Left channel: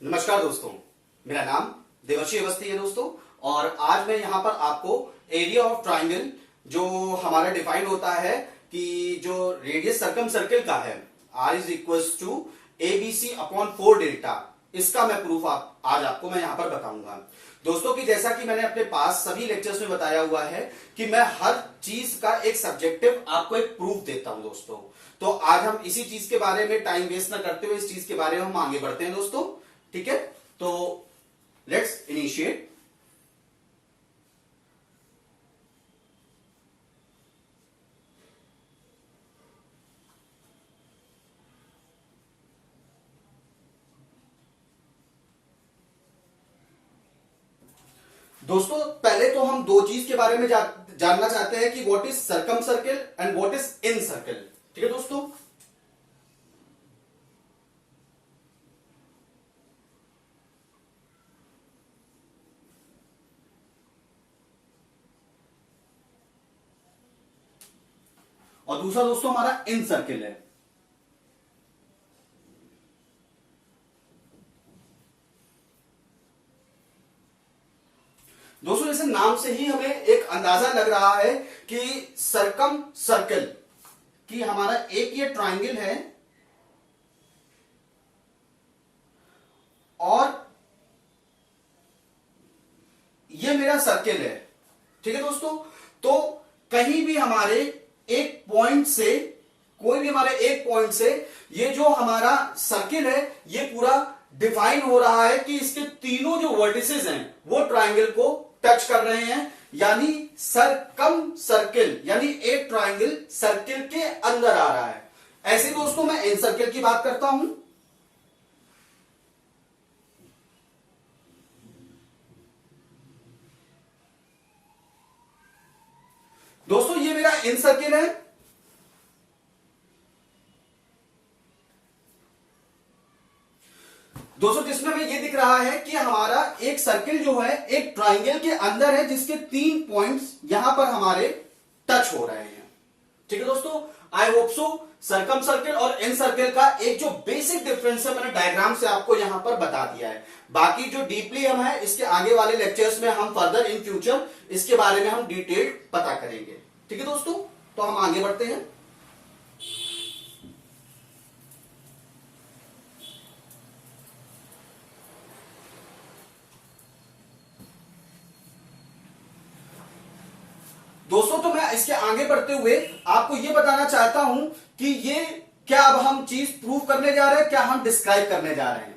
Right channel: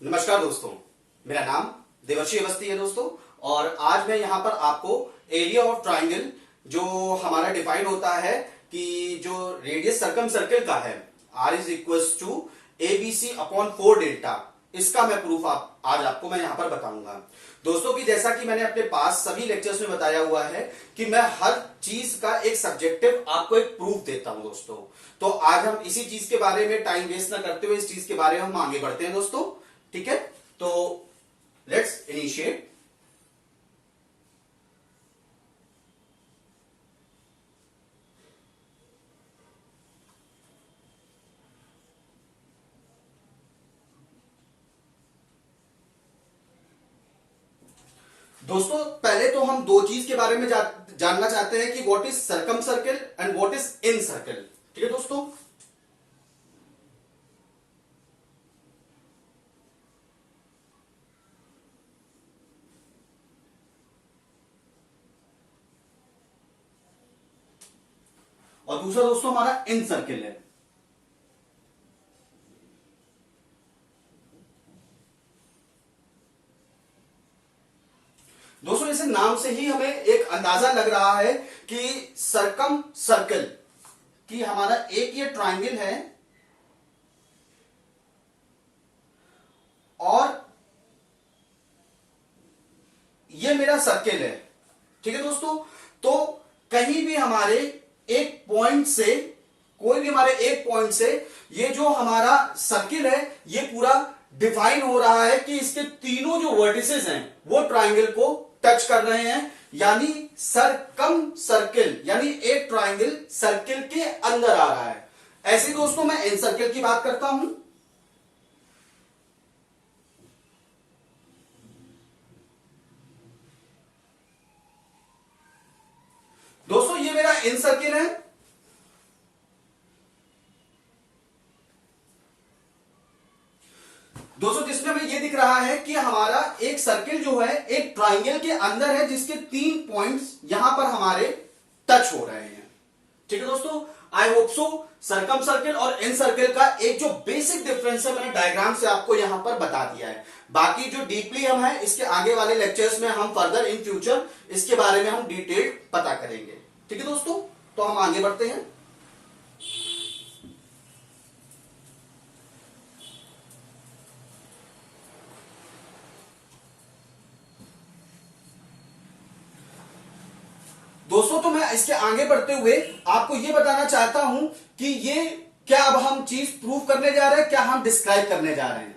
नमस्कार दोस्तों, मेरा नाम देवर्षि अवस्थी है दोस्तों। और आज मैं यहाँ पर आपको एरिया ऑफ ट्राइंगल जो हमारा डिफाइन होता है कि जो रेडियस सर्कम सर्किल का है R is equal to ABC upon 4 delta, इसका मैं प्रूफ आज आपको मैं यहाँ पर बताऊंगा दोस्तों। कि जैसा कि मैंने अपने पास सभी लेक्चर्स में बताया हुआ है कि मैं हर चीज का एक सब्जेक्टिव आपको एक प्रूफ देता हूं दोस्तों। तो आज हम इसी चीज के बारे में टाइम वेस्ट ना करते हुए इस चीज के बारे में हम आगे बढ़ते हैं दोस्तों। ठीक है, तो लेट्स इनिशिएट। दोस्तों पहले तो हम दो चीज के बारे में जानना चाहते हैं कि what is circum circle and what is in circle. ठीक है दोस्तों, और दूसरा दोस्तों हमारा इन सर्किल है। दोस्तों जैसे नाम से ही हमें एक अंदाजा लग रहा है कि सर्कम सर्कल कि हमारा एक ये ट्राइंगल है और ये मेरा सर्किल है। ठीक है दोस्तों, तो कहीं भी हमारे एक पॉइंट से कोई भी हमारे एक पॉइंट से ये जो हमारा सर्किल है ये पूरा डिफाइन हो रहा है कि इसके तीनों जो वर्टिसेस हैं वो ट्राइंगल को टच कर रहे हैं, यानी सर्कम सर्किल, यानी एक ट्राइंगल सर्किल के अंदर आ रहा है। ऐसे दोस्तों मैं इन सर्किल की बात करता हूं। दोस्तों ये मेरा इन सर्किल है दोस्तों, जिसमें हमें ये दिख रहा है कि हमारा एक सर्किल जो है एक ट्राइंगल के अंदर है जिसके 3 पॉइंट्स यहां पर हमारे टच हो रहे हैं। ठीक है दोस्तों, I hope so circum circle और इन सर्किल का एक जो बेसिक डिफरेंस है मैंने डायग्राम से आपको यहां पर बता दिया है। बाकी जो डीपली हम है इसके आगे वाले लेक्चर्स में हम फर्दर इन फ्यूचर इसके बारे में हम डिटेल पता करेंगे। ठीक है दोस्तों, तो हम आगे बढ़ते हैं। दोस्तों तो मैं इसके आगे बढ़ते हुए आपको यह बताना चाहता हूं कि ये क्या अब हम चीज प्रूव करने जा रहे हैं, क्या हम डिस्क्राइब करने जा रहे हैं।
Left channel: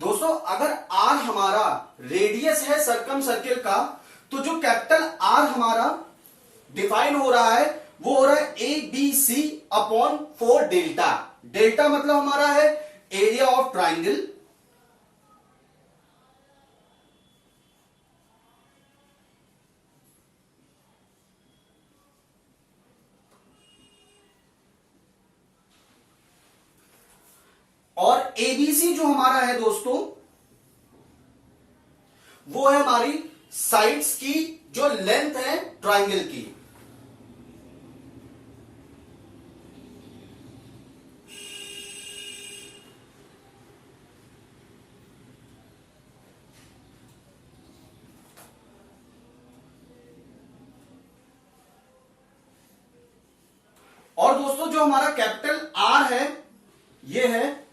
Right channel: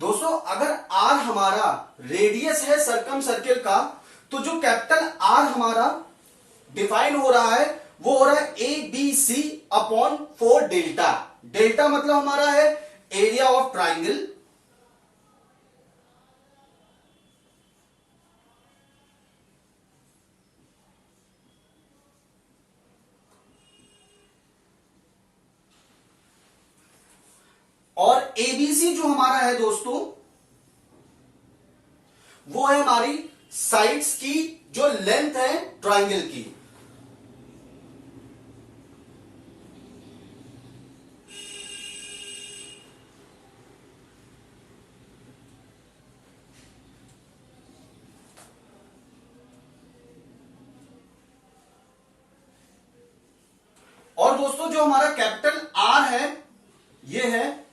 दोस्तों अगर R हमारा रेडियस है सर्कम सर्किल का, तो जो कैपिटल R हमारा डिफाइन हो रहा है वो हो रहा है ABC अपॉन 4 डेल्टा। डेल्टा मतलब हमारा है एरिया ऑफ ट्राइंगल, और ABC जो हमारा है दोस्तों वो है हमारी साइड्स की जो लेंथ है ट्राइंगल की। और दोस्तों जो हमारा कैपिटल R है ये है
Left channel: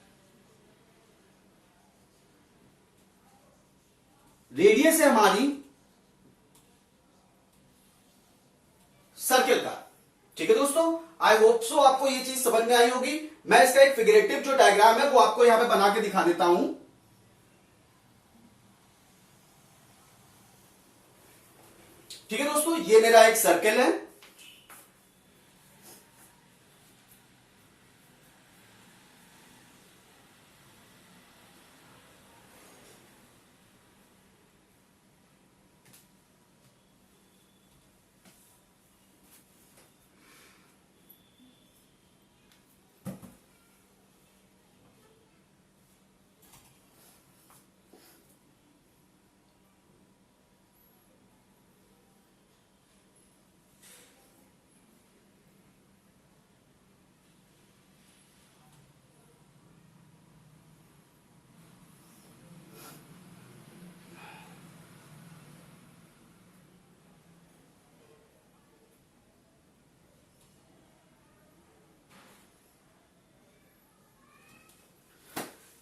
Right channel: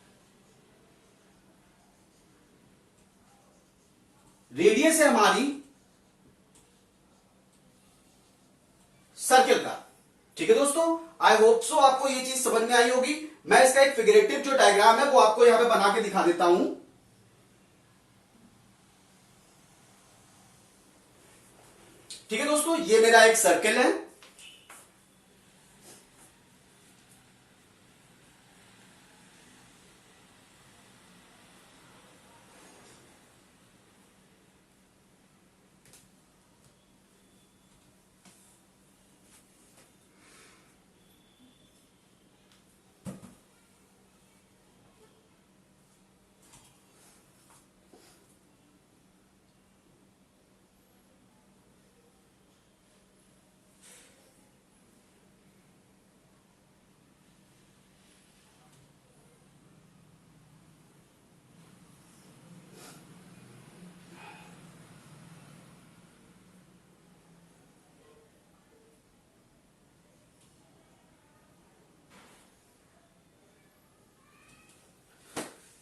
रेडियस है हमारी सर्किल का। ठीक है दोस्तों, आई होप सो आपको ये चीज समझ में आई होगी। मैं इसका एक फिगरेटिव जो डायग्राम है वो आपको यहां पे बना के दिखा देता हूं। ठीक है दोस्तों, ये मेरा एक सर्कल है।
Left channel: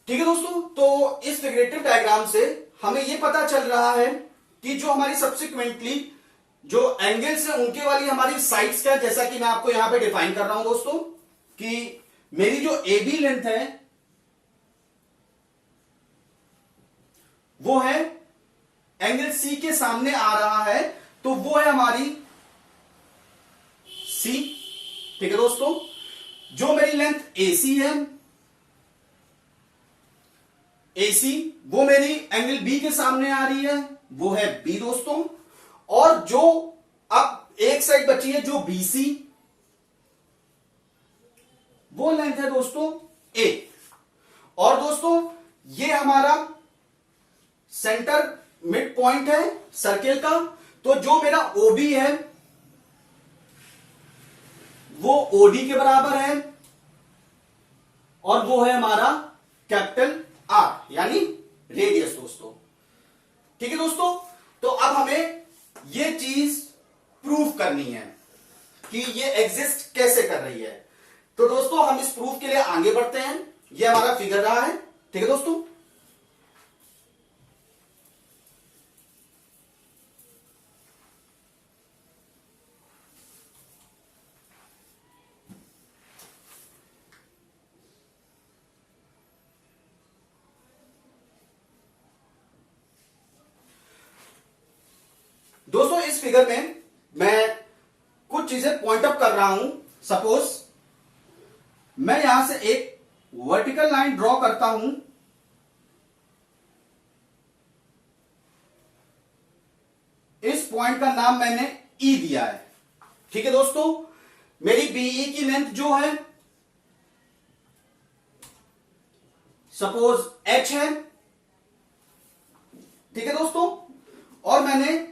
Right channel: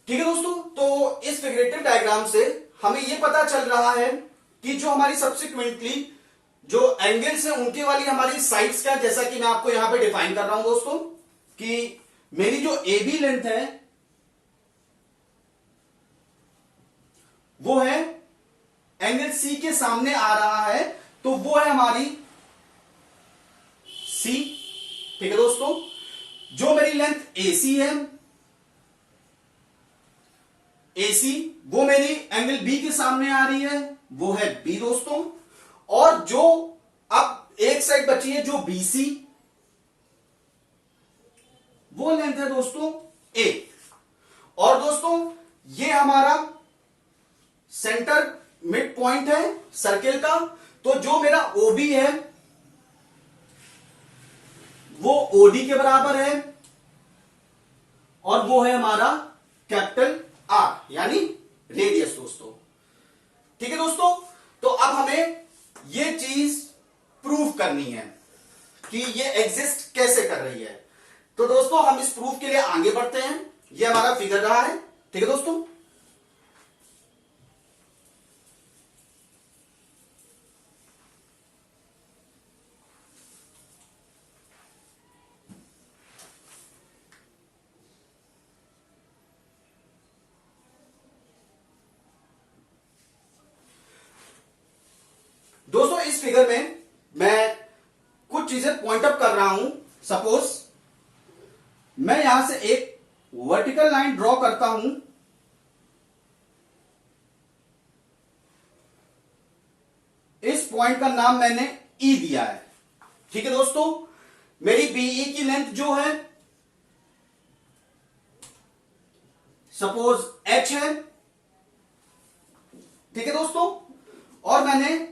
ठीक है दोस्तों, तो इस फिगरेटिव डायग्राम से हमें यह पता चल रहा है कि जो हमारी सब्सिक्वेंटली जो एंगल्स हैं उनकी वाली हमारी साइड्स का, जैसा कि मैं आपको यहां पे डिफाइन कर रहा हूं दोस्तों, कि मेरी जो ए बी लेंथ है वो है एंगल सी के सामने आ रहा है, तो वो है हमारी सी। ठीक है दोस्तों, जो मेरी लेंथ एसी है, एसी वो मेरी एंगल बी के सामने आ रही है, वो है बी दोस्तों। और जो अब एक साइड बची है जो बीसी, वो लेंथ है दोस्तों ए। और दोस्तों ये हमारा सेंटर मिड पॉइंट है सर्किल का, तो जो मेरा ओबी है वो ओडी के बराबर है, और वो है हमारा कैपिटल आर यानी रेडियस दोस्तों। ठीक है दोस्तों, तो अब हमें ये चीज प्रूव करनी है कि ये एग्जिस्ट कैसे कर रही है। तो दोस्तों हम इस प्रूफ के लिए आगे बढ़ते हैं। ये हमारा फिगर रहा है। ठीक है दोस्तों, दोस्तों इस फिगर में मैं कुछ चीजें पॉइंट अप कर रहा हूं। सपोज मैं यहां से एक वर्टिकल लाइन ड्रॉ करता हूं, इस पॉइंट का नाम मैंने ई दिया है। ठीक है दोस्तों, मेरी बीई की लेंथ जो है सपोज एच है। ठीक है दोस्तों, और मैंने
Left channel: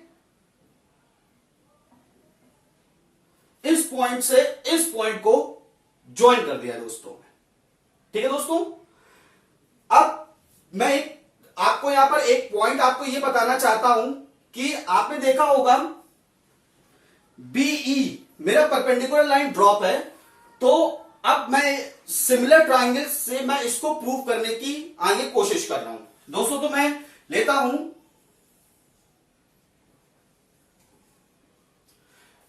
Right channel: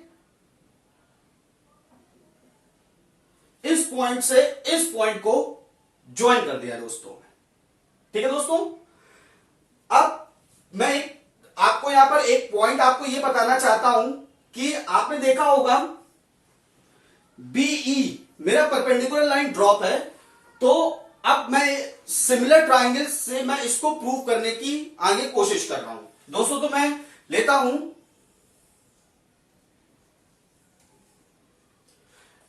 इस पॉइंट से इस पॉइंट को ज्वाइन कर दिया दोस्तों। ठीक है दोस्तों, अब मैं आपको यहां पर एक पॉइंट आपको यह बताना चाहता हूं कि आपने देखा होगा बीई मेरा परपेंडिकुलर लाइन ड्रॉप है, तो अब मैं सिमिलर ट्रायंगल से मैं इसको प्रूव करने की आगे कोशिश कर रहा हूं दोस्तों। तो मैं लेता हूं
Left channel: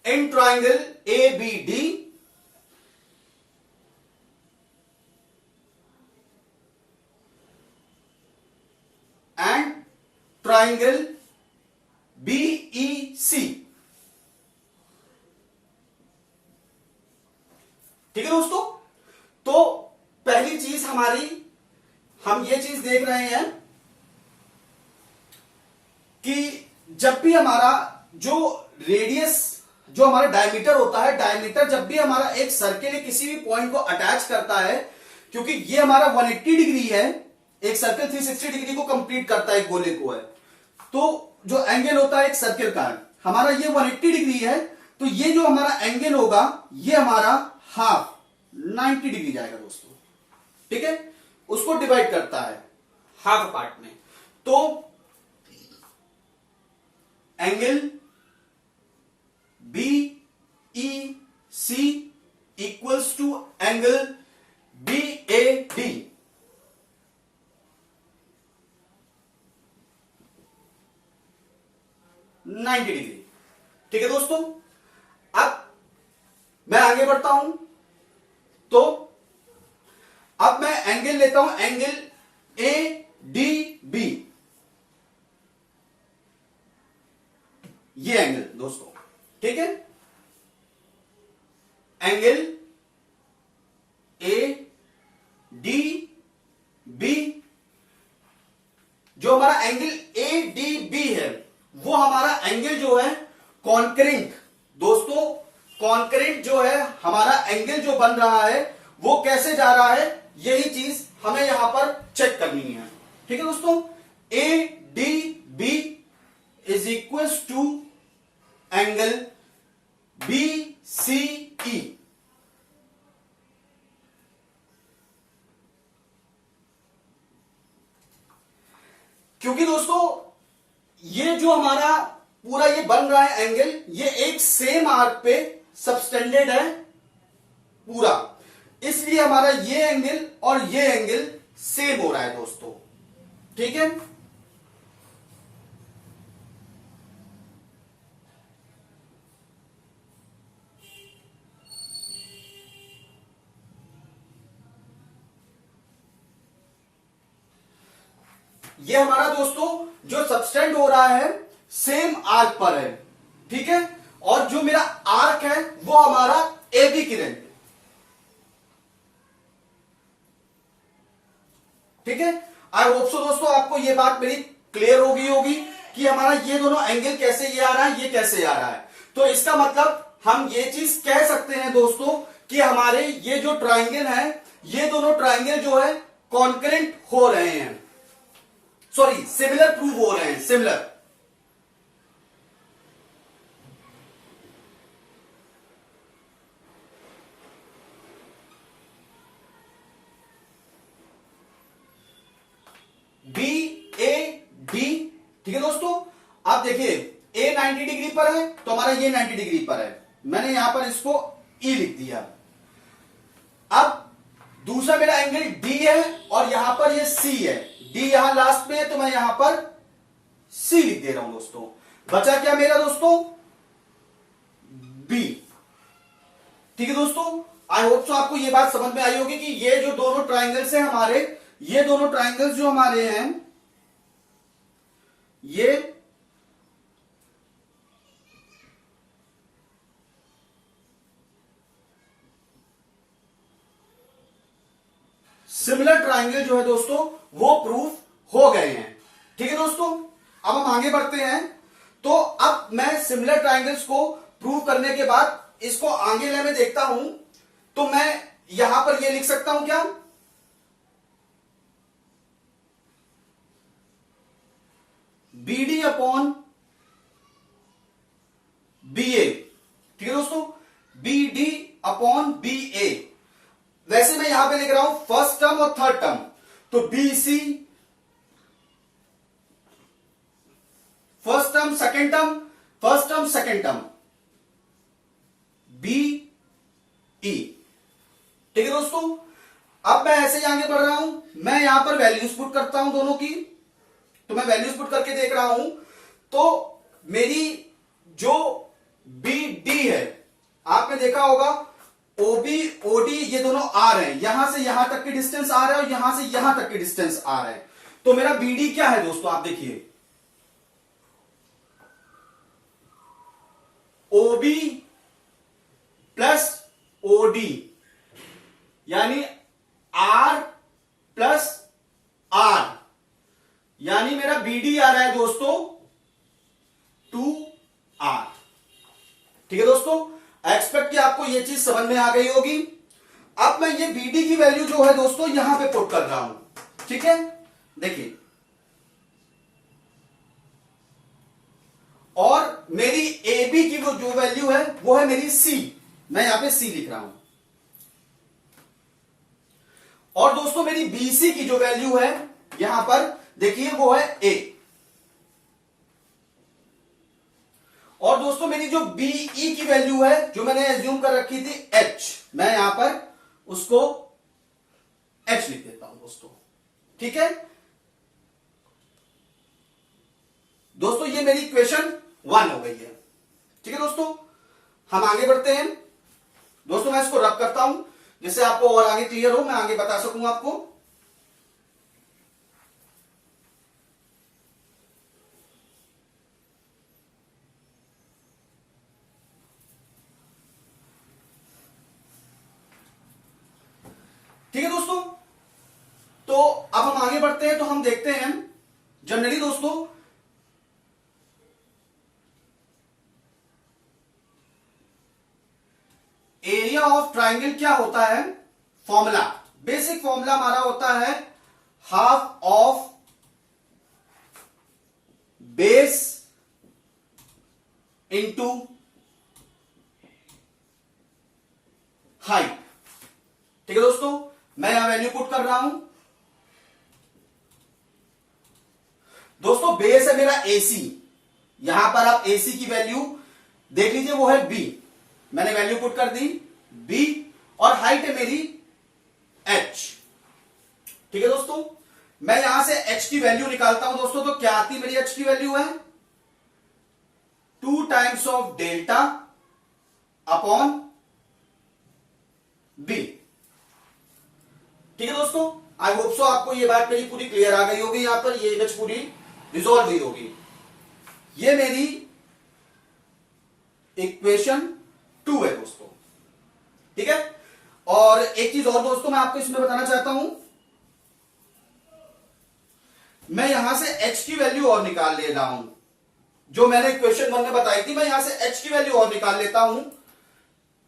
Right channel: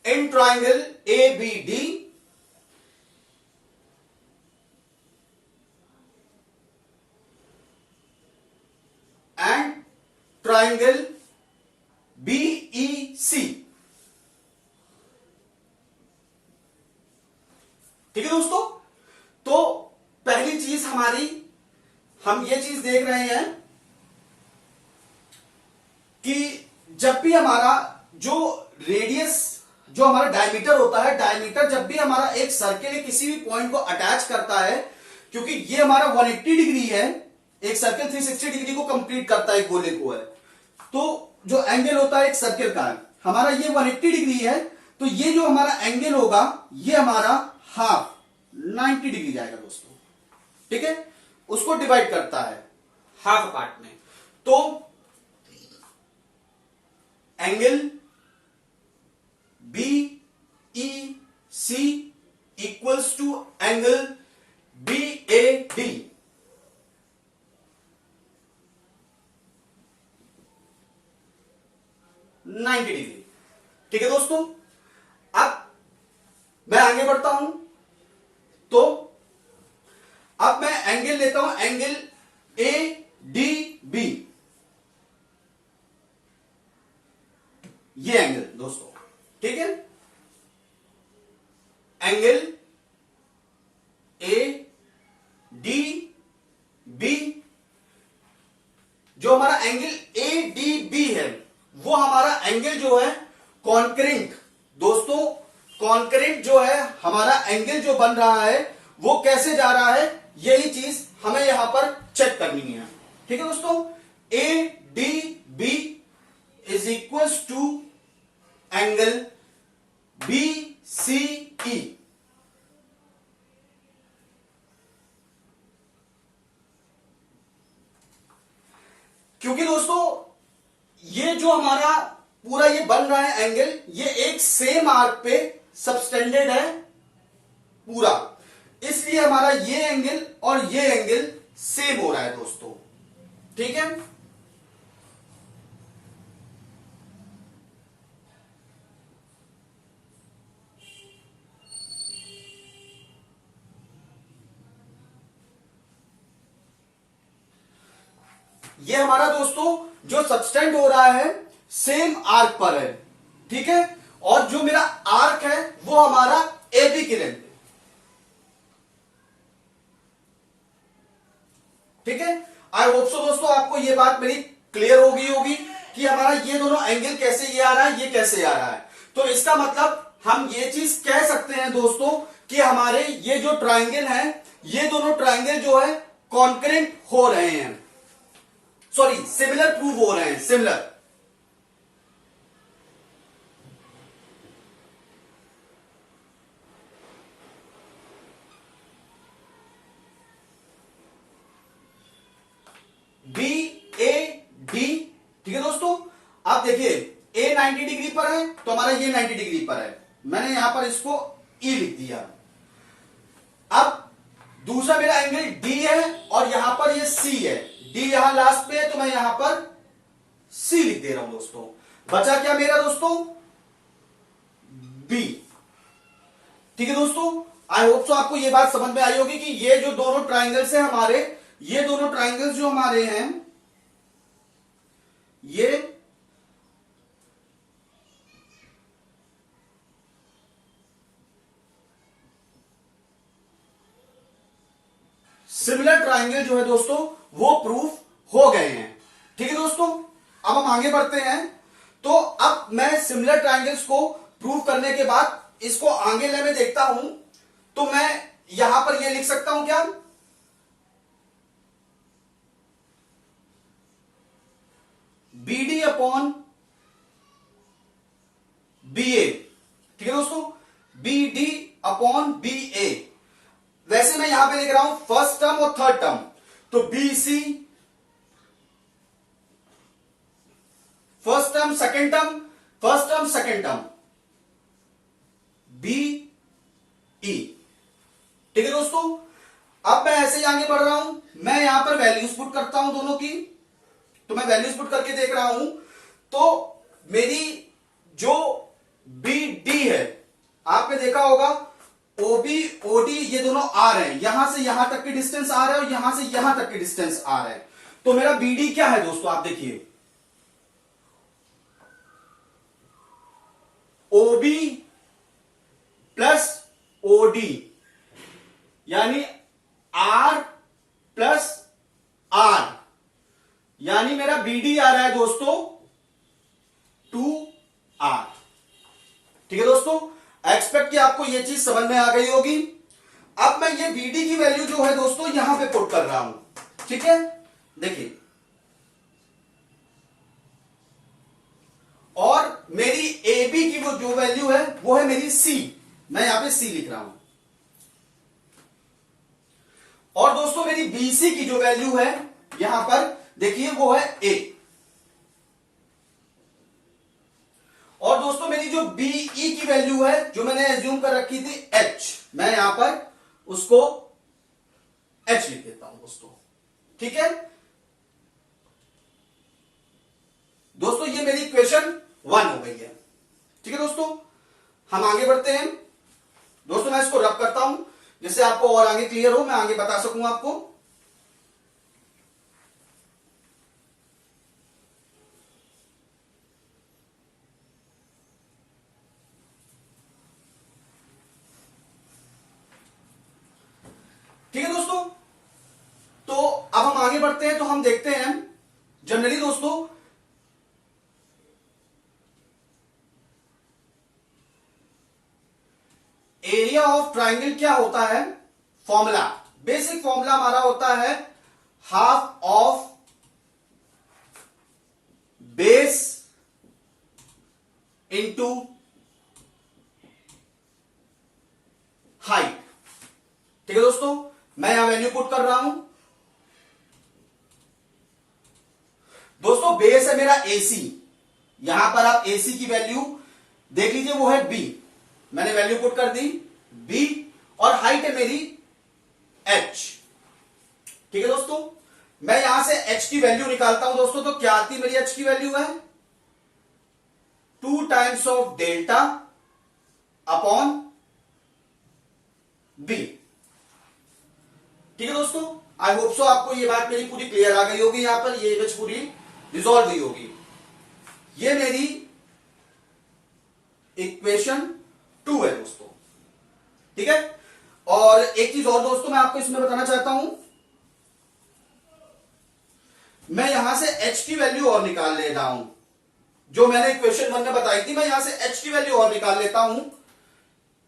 in triangle A B D and triangle B E C. ठीक है दोस्तों, तो पहली चीज हमारी हम ये चीज देख रहे हैं कि जब भी हमारा जो रेडियस जो हमारा डायमीटर होता है, डायमीटर जब भी हमारा एक सर्किल या किसी भी पॉइंट को अटैच करता है, क्योंकि ये हमारा 180 डिग्री है, एक सर्किल 360 डिग्री को कंप्लीट करता है, गोले को है, तो जो एंगल होता है एक सर्किल का हमारा ये 180 डिग्री है, तो ये जो हमारा एंगल होगा ये हमारा हाफ 90 डिग्री जाएगा दोस्तों। ठीक है, उसको डिवाइड करता है हाफ पार्ट में, तो angle B E C equals to angle B A D. Ninety degree. ठीक है दोस्तों, अब मैं आगे बढ़ता हूं, तो अब मैं एंगल लेता हूं, एंगल ए डी बी। ये एंगल दोस्तों, ठीक है, एंगल ए डी बी, जो हमारा एंगल ए डी बी है वो हमारा एंगल जो है कॉन्करेंट दोस्तों, कॉन्करेंट जो है हमारा एंगल जो बन रहा है वो कैसे जा रहा है, यही चीज हमें यहां पर चेक करनी है। ठीक है दोस्तों, A D B is equal to angle B C E. क्योंकि दोस्तों ये जो हमारा पूरा ये बन रहा है एंगल, ये एक सेम आर्क पे सबटेंडेड है पूरा, इसलिए हमारा ये एंगल और ये एंगल सेम हो रहा है दोस्तों। ठीक है, ये हमारा दोस्तों जो सबस्टेंड हो रहा है सेम आर्क पर है। ठीक है, और जो मेरा आर्क है वो हमारा ए बी किरण। ठीक है, आई होप सो दोस्तों आपको ये बात मेरी क्लियर हो गई होगी कि हमारा ये दोनों एंगल कैसे ये आ रहा है, ये कैसे आ रहा है। तो इसका मतलब हम ये चीज कह सकते हैं दोस्तों कि हमारे ये जो ट्राइंगल है, ये दोनों ट्राइंगल जो है कॉन्करेंट हो रहे हैं, सॉरी सिमिलर प्रूव हो रहे हैं, सिमिलर। B A D. ठीक है दोस्तों, आप देखिए ए 90 डिग्री पर है तो हमारा ये 90 डिग्री पर है, मैंने यहां पर इसको ई लिख दिया। अब दूसरा मेरा एंगल डी है और यहां पर ये सी है, डी यहां लास्ट पे है तो मैं यहां पर सी लिख दे रहा हूं दोस्तों। बचा क्या मेरा दोस्तों, बी। ठीक है दोस्तों, आई होप सो आपको ये बात समझ में आई होगी कि ये जो दोनों ट्राइंगल्स हैं हमारे, ये दोनों ट्राइंगल्स जो हमारे हैं ये सिमिलर ट्राइंगल जो है दोस्तों वो प्रूफ हो गए हैं। ठीक है दोस्तों, अब हम आगे बढ़ते हैं। तो अब मैं सिमिलर ट्राइंगल्स को प्रूव करने के बाद इसको आगे ले में देखता हूं, तो मैं यहां पर ये लिख सकता हूं क्या, B D upon B A. ठीक है दोस्तों, B D upon B A. वैसे मैं यहां पे लिख रहा हूं फर्स्ट टर्म और थर्ड टर्म, तो B C first term second term, first term second term, B E. ठीक है दोस्तों, अब मैं ऐसे ही आगे बढ़ रहा हूं, मैं यहां पर वैल्यूज पुट करता हूं दोनों की। तो मैं वैल्यूज पुट करके देख रहा हूं, तो मेरी जो बी डी है, आपने देखा होगा ओबी ओडी ये दोनों आ रहे हैं, यहां से यहां तक की डिस्टेंस आ रहा है और यहां से यहां तक की डिस्टेंस आ रहा है। तो मेरा बीडी क्या है दोस्तों, आप देखिए ओबी प्लस ओडी, यानी आर प्लस आर, यानी मेरा बीडी आ रहा है दोस्तों 2R। ठीक है दोस्तों, एक्सपेक्ट कि आपको ये चीज समझ में आ गई होगी। अब मैं ये बीडी की वैल्यू जो है दोस्तों यहां पे पुट कर रहा हूं। ठीक है, देखिए, और मेरी ए बी की वो जो वैल्यू है वो है मेरी सी, मैं यहां पे सी लिख रहा हूं। और दोस्तों मेरी बीसी की जो वैल्यू है यहां पर देखिए वो है ए। और दोस्तों मेरी जो बीई की वैल्यू है जो मैंने एज्यूम कर रखी थी एच, मैं यहां पर उसको एच लिख देता हूं दोस्तों। ठीक है दोस्तों, ये मेरी इक्वेशन 1 हो गई है। ठीक है दोस्तों, हम आगे बढ़ते हैं। दोस्तों मैं इसको रब करता हूं जिससे आपको और आगे क्लियर हो, मैं आगे बता सकूं आपको। करते हैं तो हम देखते हैं जनरली दोस्तों एरिया ऑफ ट्राइंगल क्या होता है, फॉर्मूला, बेसिक फॉर्मूला हमारा होता है half of base into height. ठीक है दोस्तों, मैं यहां वैल्यू पुट कर रहा हूं। दोस्तों बेस है मेरा AC, यहां पर आप AC की वैल्यू देख लीजिए, वो है B, मैंने वैल्यू पुट कर दी B, और हाइट है मेरी H। ठीक है दोस्तों, मैं यहां से H की वैल्यू निकालता हूं दोस्तों, तो क्या आती मेरी H की वैल्यू है 2 times of delta upon B। ठीक है दोस्तों, आई होप सो आपको ये बात मेरी पूरी क्लियर आ गई होगी, यहां पर ये इमेज पूरी रिजॉल्व हुई होगी। ये मेरी इक्वेशन 2 है दोस्तों। ठीक है, और एक चीज और दोस्तों मैं आपको इसमें बताना चाहता हूं, मैं यहां से H की वैल्यू और निकाल ले रहा हूं, जो मैंने इक्वेशन 1 में बताई थी, मैं यहां से H की वैल्यू और निकाल लेता हूं,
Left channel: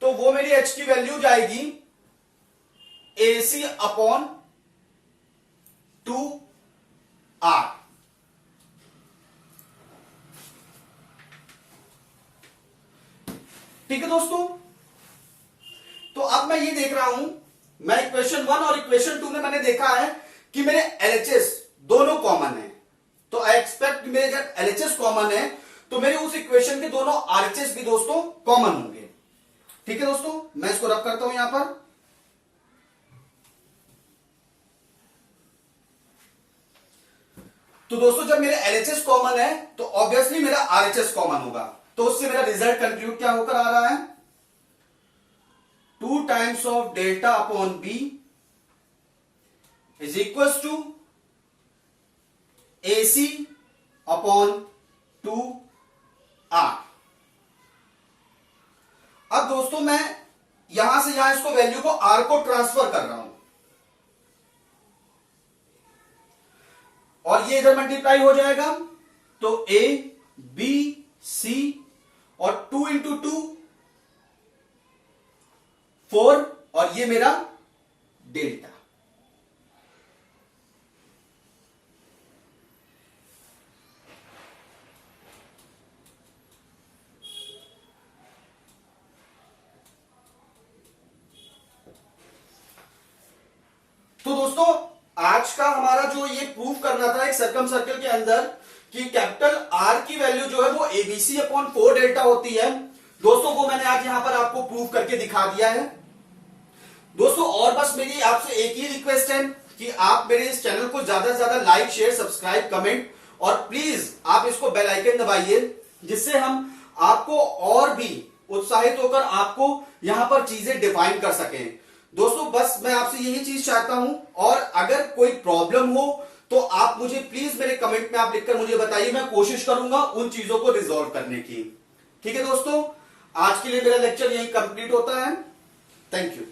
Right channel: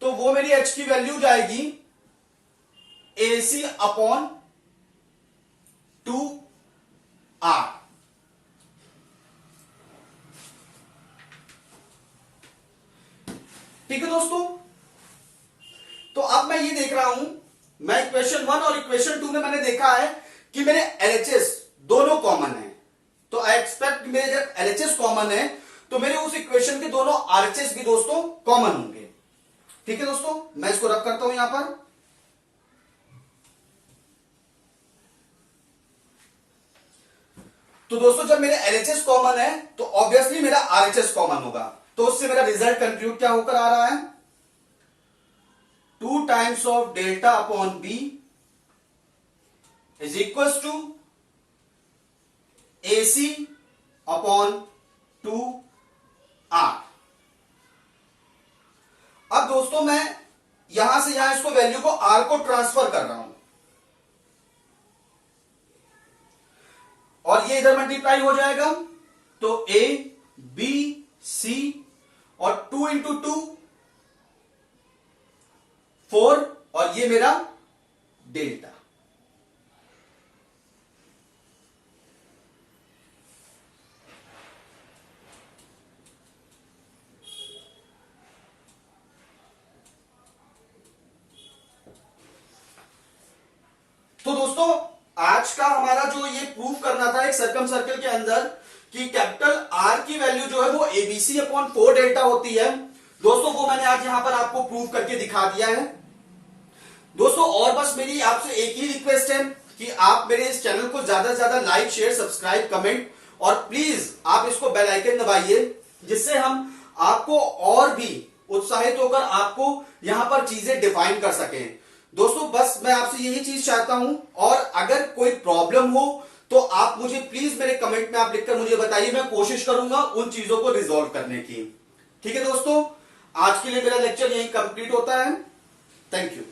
तो वो मेरी H की वैल्यू जाएगी AC अपॉन 2R। ठीक है दोस्तों, तो अब मैं ये देख रहा हूं, मैं इक्वेशन 1 और इक्वेशन 2 में मैंने देखा है कि मेरे LHS दोनों कॉमन है, तो आई एक्सपेक्ट मेरे जब LHS कॉमन है तो मेरे उस इक्वेशन के दोनों RHS भी दोस्तों कॉमन होंगे। ठीक है दोस्तों, मैं इसको रब करता हूं यहां पर। तो दोस्तों जब मेरे LHS कॉमन है तो ऑब्वियसली मेरा RHS कॉमन होगा, तो उससे मेरा रिजल्ट कंक्लूड क्या होकर आ रहा है 2 times of delta upon B is equal to AC upon 2R। अब दोस्तों मैं यहां से यहां इसको वैल्यू को R को ट्रांसफर कर रहा हूं, और ये इधर मल्टीप्लाई हो जाएगा, तो A B C और 2 इंटू 2 4, और ये मेरा डेल्टा। तो दोस्तों आज का हमारा जो ये प्रूफ करना था एक सर्कम सर्कल के अंदर कि कैपिटल R की वैल्यू जो है वो ABC अपॉन 4 डेल्टा होती है दोस्तों, वो मैंने आज यहां पर आपको प्रूफ करके दिखा दिया है दोस्तों। और बस मेरी आपसे एक ही रिक्वेस्ट है कि आप मेरे इस चैनल को ज्यादा से ज्यादा लाइक शेयर सब्सक्राइब कमेंट, और प्लीज आप इसको बेल आइकन दबाइए, जिससे हम आपको और भी उत्साहित होकर आपको यहां पर चीजें डिफाइन कर सकें दोस्तों। बस मैं आपसे यही चीज चाहता हूं, और अगर कोई प्रॉब्लम हो तो आप मुझे प्लीज मेरे कमेंट में आप लिखकर मुझे बताइए, मैं कोशिश करूंगा उन चीजों को रिजॉल्व करने की। ठीक है दोस्तों, आज के लिए मेरा लेक्चर यहीं कंप्लीट होता है। Thank you.